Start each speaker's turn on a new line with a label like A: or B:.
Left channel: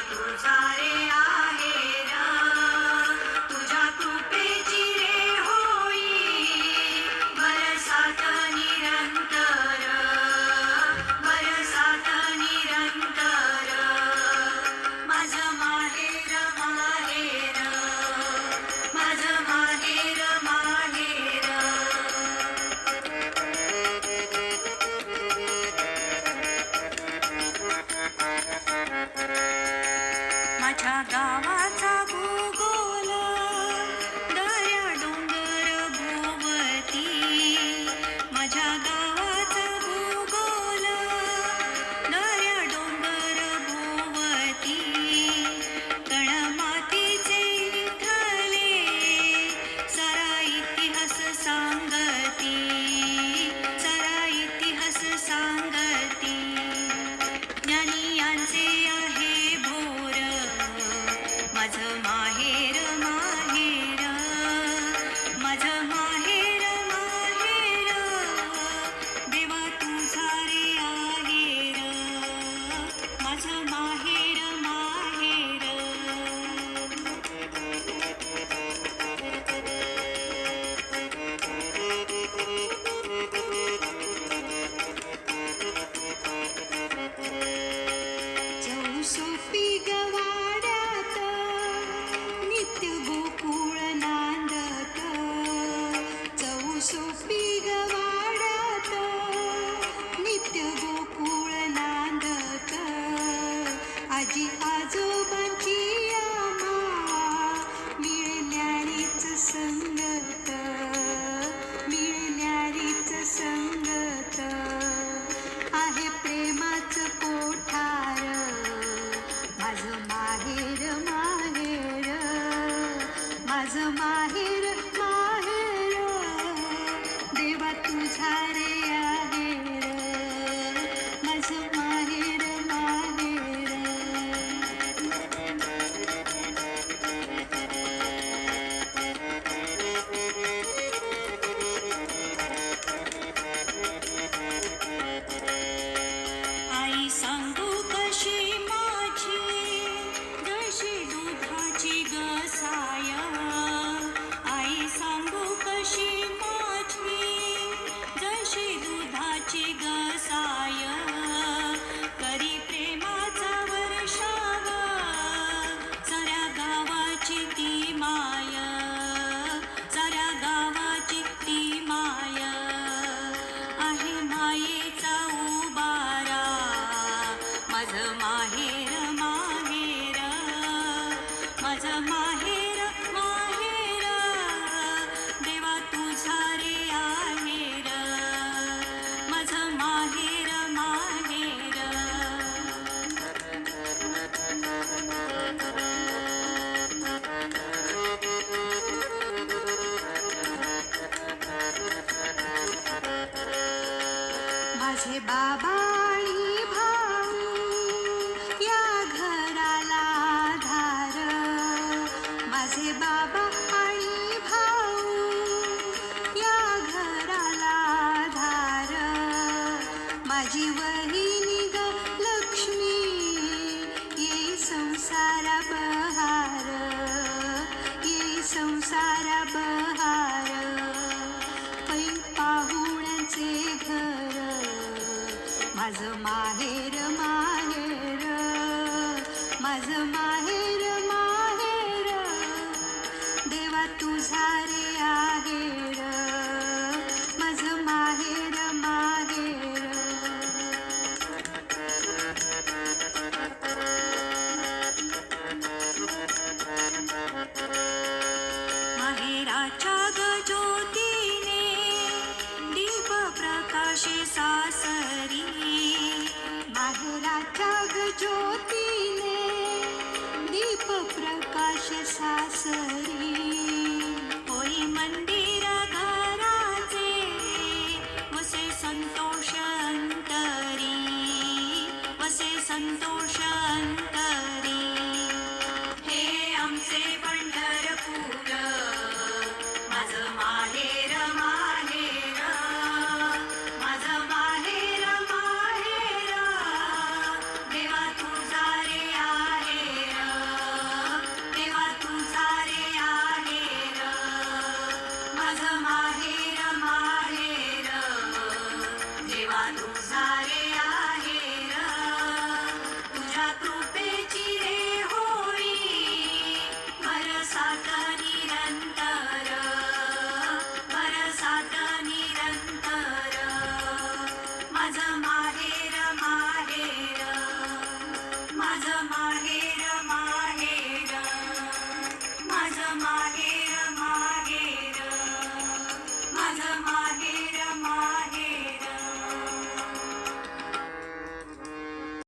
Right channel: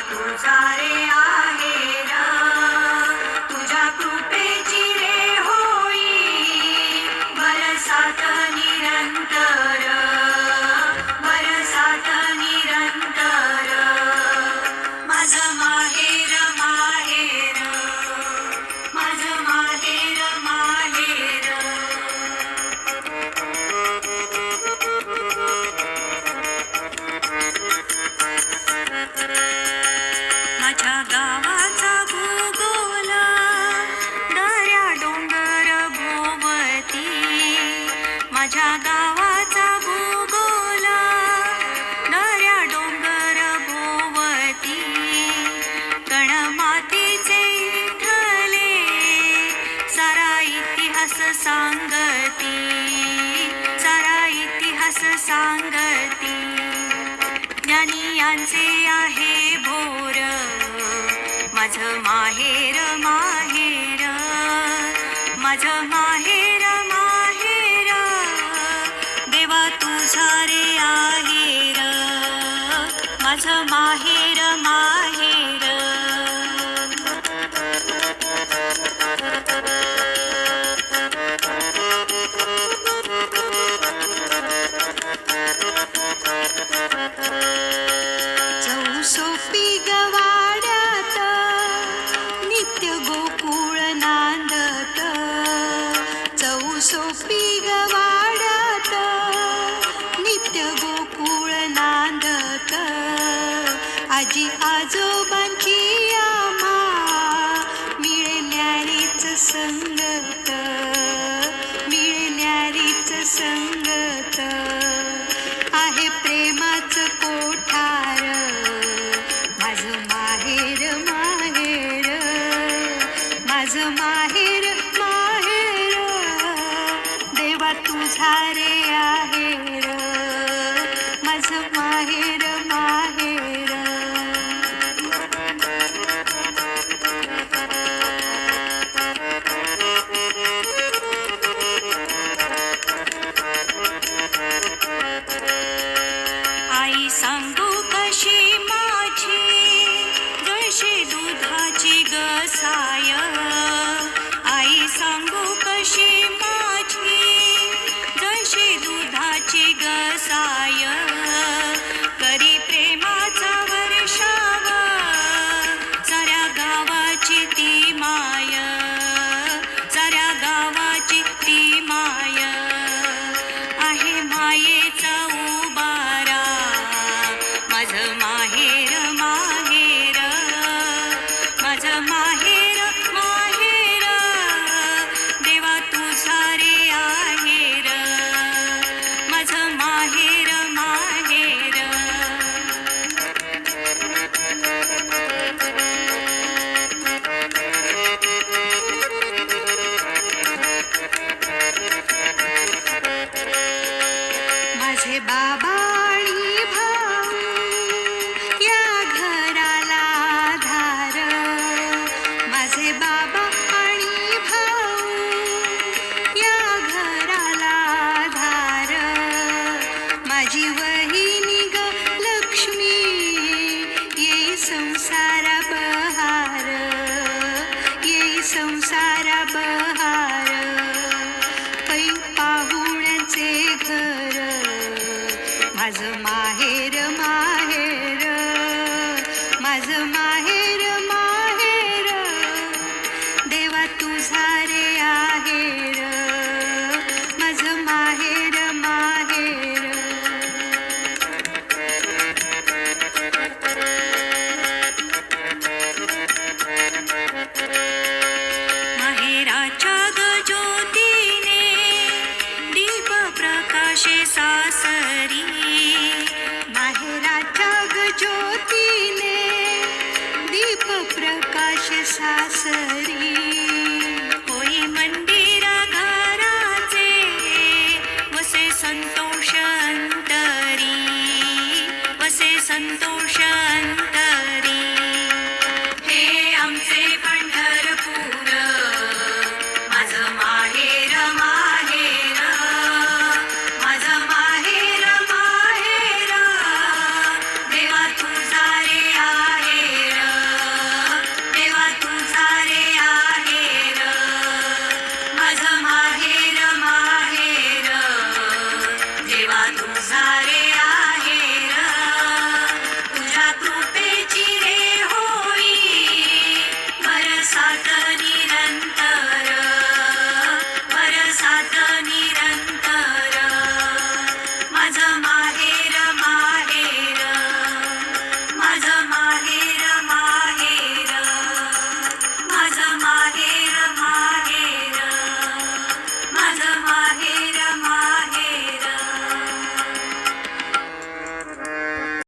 A: तुझा रे आहे माझ्या गावाचा भूगोला नऱ्या डोंगर भोवती कण मातीचे सारा इतिहास सांगती सारा इतिहास सांगती. ज्ञानियांचे आहे भोर माझं माहेर माहेर माझं माहेर माझं माहेर मा संगत मिळण्यारीच संगत आहे प्रेमाचं कोठार. माझं माहेर माहेर. माझं माहेर माहेर. देवा तुझा रे सांगू कशी माझी? जशी दुधाची गसाय. आई सांगू कशी माझी? जशी दुधाची गसाय. माझे बाबा भाऊ. या घराला धार माझे बाबा आणि भाऊ. या घराला धार माझी वही आज माहेर मा प्रकाशे सासरी माहेराच्या ज्योतीने दीप प्रकाश सासरी. होई मंदिर घराचे वसे संतोष अंतरी वसे संतोष अंतरी.